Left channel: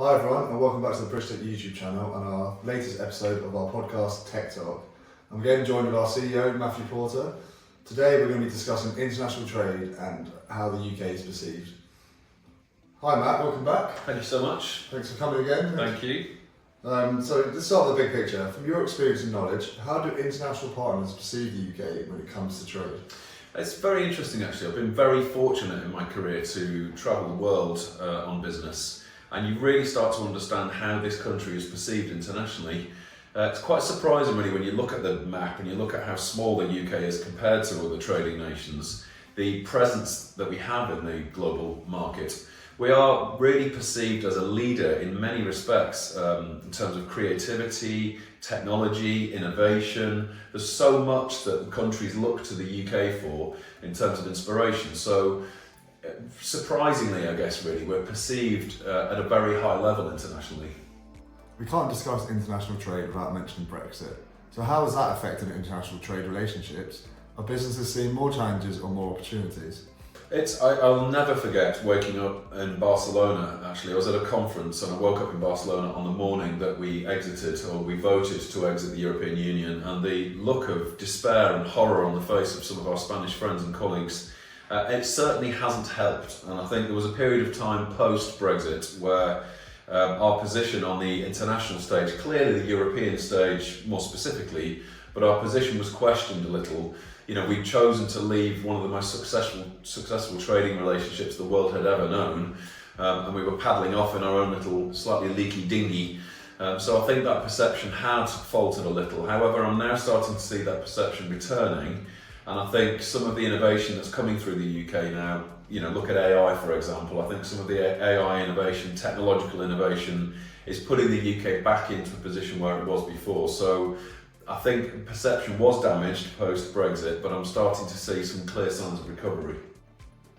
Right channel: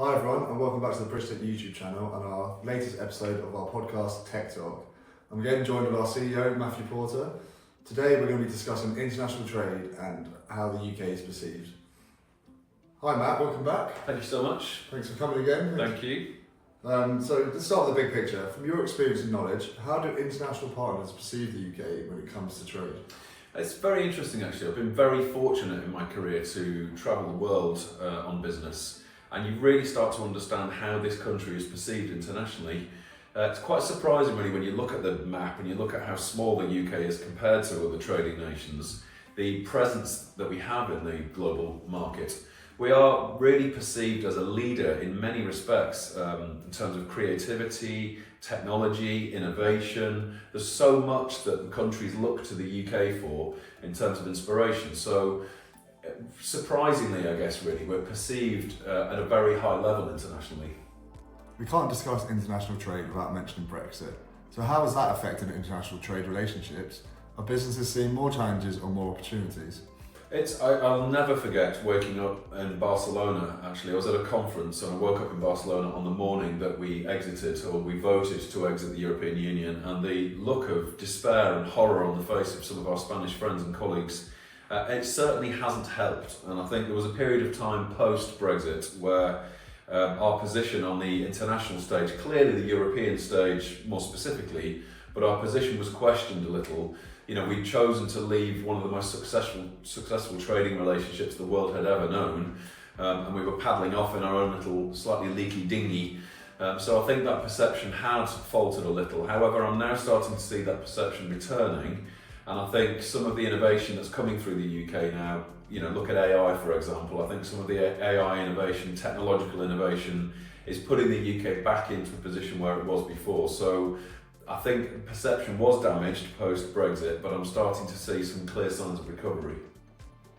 Hi everyone, and welcome back to the Bridgetech YouTube channel and our latest episode of our podcast Tech Talk. I'm again joined with our CEO Matthew Porter. Today we're going to be discussing international trade and how the UK is perceived. Hi Matt, welcome back. Thank you so much. Thanks for coming again. Thank you. So let's start with the big picture. From your experience and knowledge, how do international partners perceive the UK when it comes to trade? It's very interesting actually. I've been very fortunate in my career to travel the world on business, and you really start to understand how this country is perceived internationally. It's quite surprising really when you look at the map and you look at how small the UK is compared to other trading nations, the presence that we have in the global market. We are really perceived as a leader in many respects in terms of creativity, technology, innovation. There's so much that countries look to the UK for in terms of inspiration. So surprisingly, I guess really, we're perceived at a very high level internationally. We can't discuss international trade without mentioning Brexit. So how has that affected international trade relationships? Are businesses seeing more challenges or more opportunities? I'll never forget waking up in Barcelona. Actually, I was at a conference and I woke up in Barcelona on the morning that we voted to exit the European Union, and the look of despair and horror on the face of some of our Spanish friends and colleagues, it certainly hasn't helped. And I think there was a period of time post-Brexit where our position on the international stage, clearly the European stage more specifically, but our position was questioned a little. You know, we'd chosen to leave one of the most successful trading relationships the world had ever known, and we were paddling off in our own little slightly leaky dinghy. So I think that perception had faltered a little. However, I'm now starting to see that perception returning, and I think some of the innovation that's coming through the UK now, you know, look at AI for example. I think some of the AI innovation, technological innovation, is putting the UK back into a position where it was before. So I think perception was damaged post-Brexit, but I'm starting to see some clear signs of recovery.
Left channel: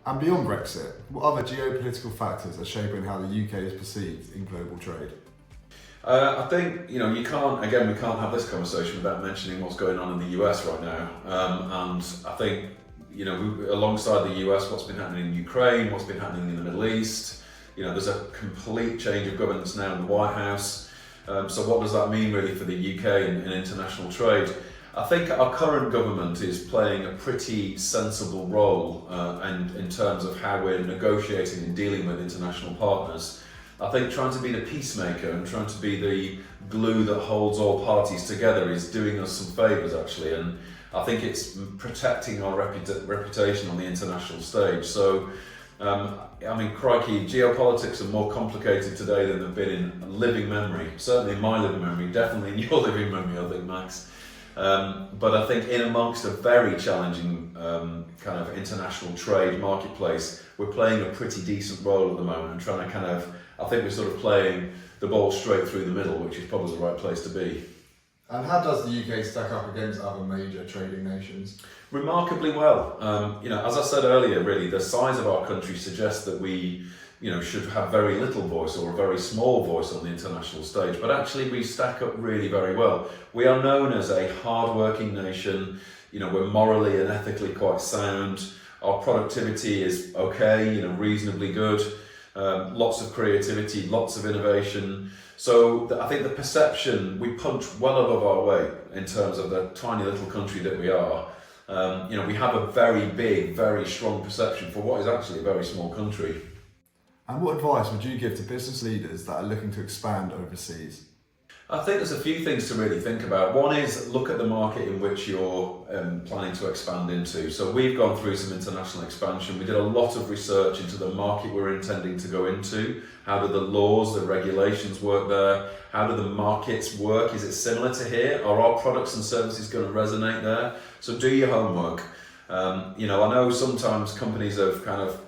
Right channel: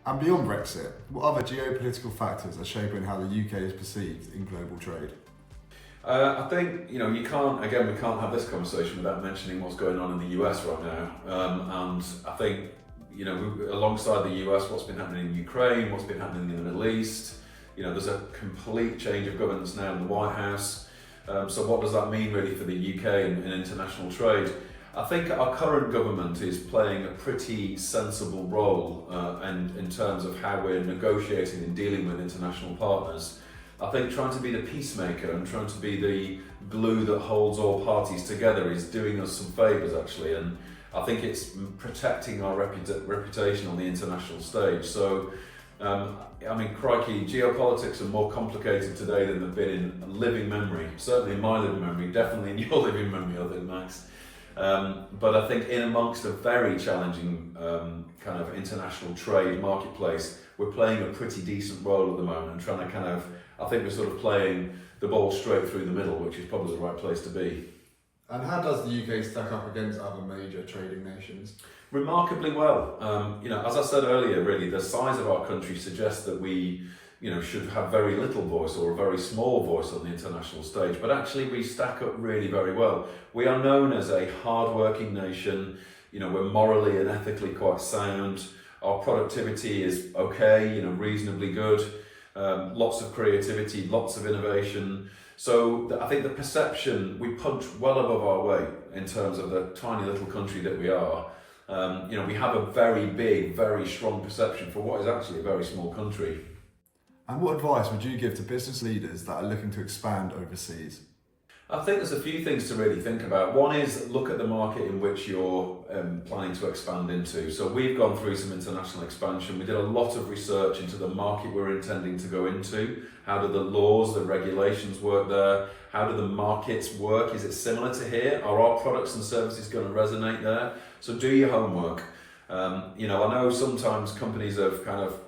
And beyond Brexit, what other geopolitical factors are shaping how the UK is perceived in global trade? I think, you know, we can't have this conversation without mentioning what's going on in the US right now. And I think, you know, alongside the US, what's been happening in Ukraine, what's been happening in the Middle East, you know, there's a complete change of governance now in the White House. So what does that mean really for the UK in international trade? I think our current government is playing a pretty sensible role and in terms of how we're negotiating and dealing with international partners. I think trying to be the peacemaker and trying to be the glue that holds all parties together is doing us some favours actually, and I think it's protecting our reputation on the international stage. So I mean, crikey, geopolitics are more complicated today than they've been in living memory. Certainly in my living memory, definitely in your living memory, I think, Max. But I think in amongst a very challenging kind of international trade marketplace, we're playing a pretty decent role at the moment and trying to I think we're sort of playing the ball straight through the middle, which is probably the right place to be. And how does the UK stack up against other major trading nations? Remarkably well. You know, as I said earlier, really, the size of our country suggests that we, you know, should have very little voice or a very small voice on the international stage, but actually we stack up really very well. We are known as a hard-working nation. You know, we're morally and ethically quite sound. Our productivity is okay, you know, reasonably good. Lots of creativity, lots of innovation. So I think the perception, we punch well above our weight in terms of the tiny little country that we are. You know, we have a very big, very strong perception for what is actually a very small country. And what advice would you give to business leaders that are looking to expand overseas? I think there's a few things to really think about. One is look at the market in which you're planning to expand into. So we've gone through some international expansion. We did a lot of research into the market we're intending to go into. How do the laws, the regulations work there? How do the markets work? Is it similar to here? Are our products and services going to resonate there? So do your homework. You know, I know sometimes companies have kind of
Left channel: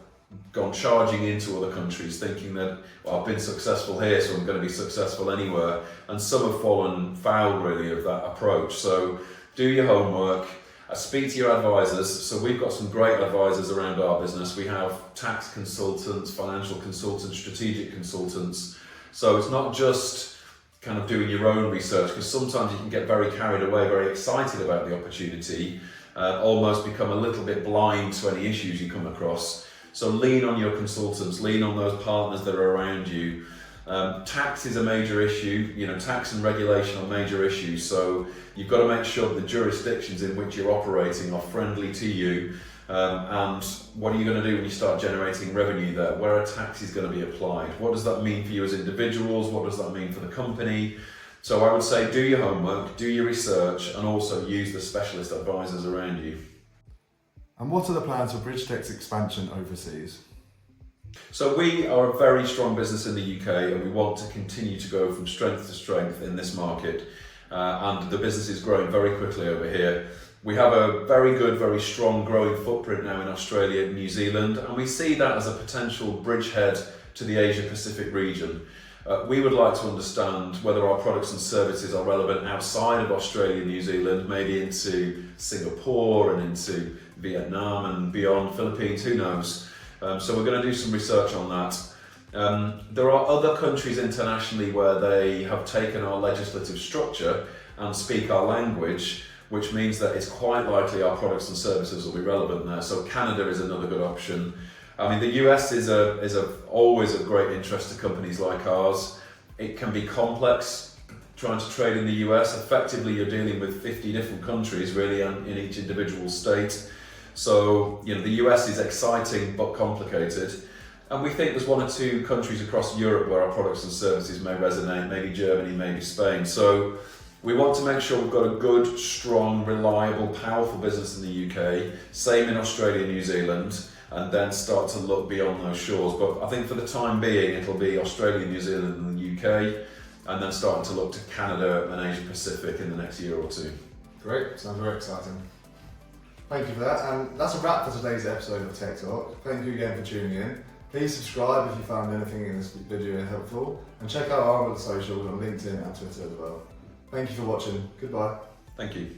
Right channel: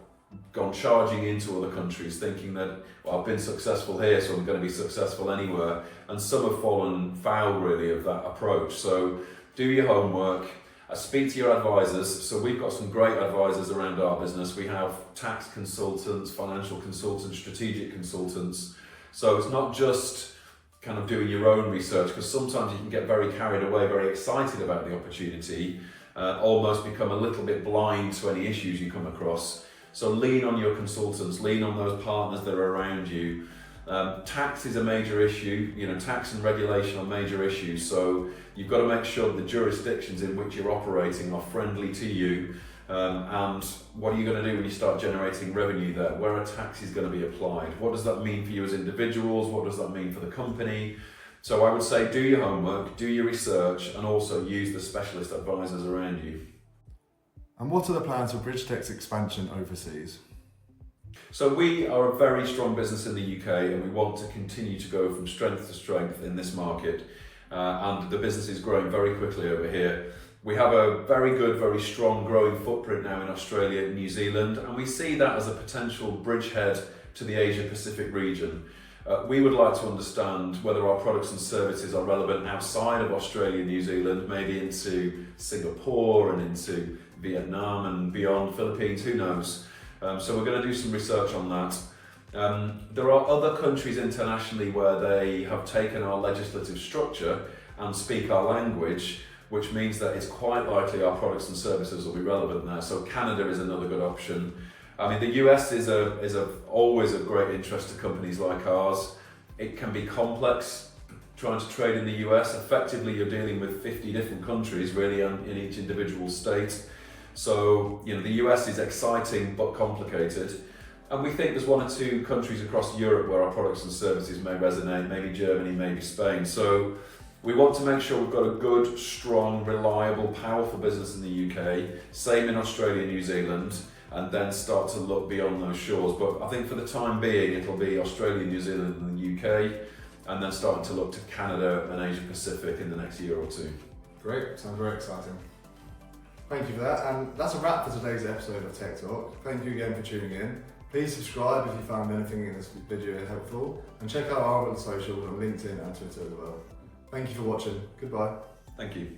gone charging into other countries thinking that, well, I've been successful here, so I'm going to be successful anywhere. And some have fallen foul really of that approach. So do your homework, speak to your advisors. So we've got some great advisors around our business. We have tax consultants, financial consultants, strategic consultants. So it's not just kind of doing your own research, because sometimes you can get very carried away, very excited about the opportunity, almost become a little bit blind to any issues you come across. So lean on your consultants, lean on those partners that are around you. Tax is a major issue. Tax and regulation are major issues. So you've got to make sure the jurisdictions in which you're operating are friendly to you. And what are you going to do when you start generating revenue there? Where are taxes going to be applied? What does that mean for you as individuals? What does that mean for the company? So I would say do your homework, do your research, and also use the specialist advisors around you. And what are the plans for Bridgetech's expansion overseas? So we are a very strong business in the UK, and we want to continue to go from strength to strength in this market. And the business is growing very quickly over here. We have a very good, very strong growing footprint now in Australia and New Zealand, and we see that as a potential bridgehead to the Asia Pacific region. We would like to understand whether our products and services are relevant outside of Australia and New Zealand, maybe into Singapore and into Vietnam and beyond, Philippines, who knows. So we're going to do some research on that. There are other countries internationally where they have taken our legislative structure and speak our language, which means that it's quite likely our products and services will be relevant there. So Canada is another good option. I mean, the US is always of great interest to companies like ours. It can be complex trying to trade in the US. Effectively, you're dealing with 50 different countries really in each individual state. So, the US is exciting but complicated. And we think there's one or two countries across Europe where our products and services may resonate, maybe Germany, maybe Spain. So we want to make sure we've got a good, strong, reliable, powerful business in the UK, same in Australia and New Zealand, and then start to look beyond those shores. But I think for the time being, it'll be Australia, New Zealand and the UK, and then starting to look to Canada and Asia Pacific in the next year or two. Great, sounds very exciting. Thank you for that, and that's a wrap for today's episode of Tech Talk. Thank you again for tuning in. Please subscribe if you found anything in this video helpful, and check out our other socials on LinkedIn and Twitter as well. Thank you for watching. Goodbye. Thank you.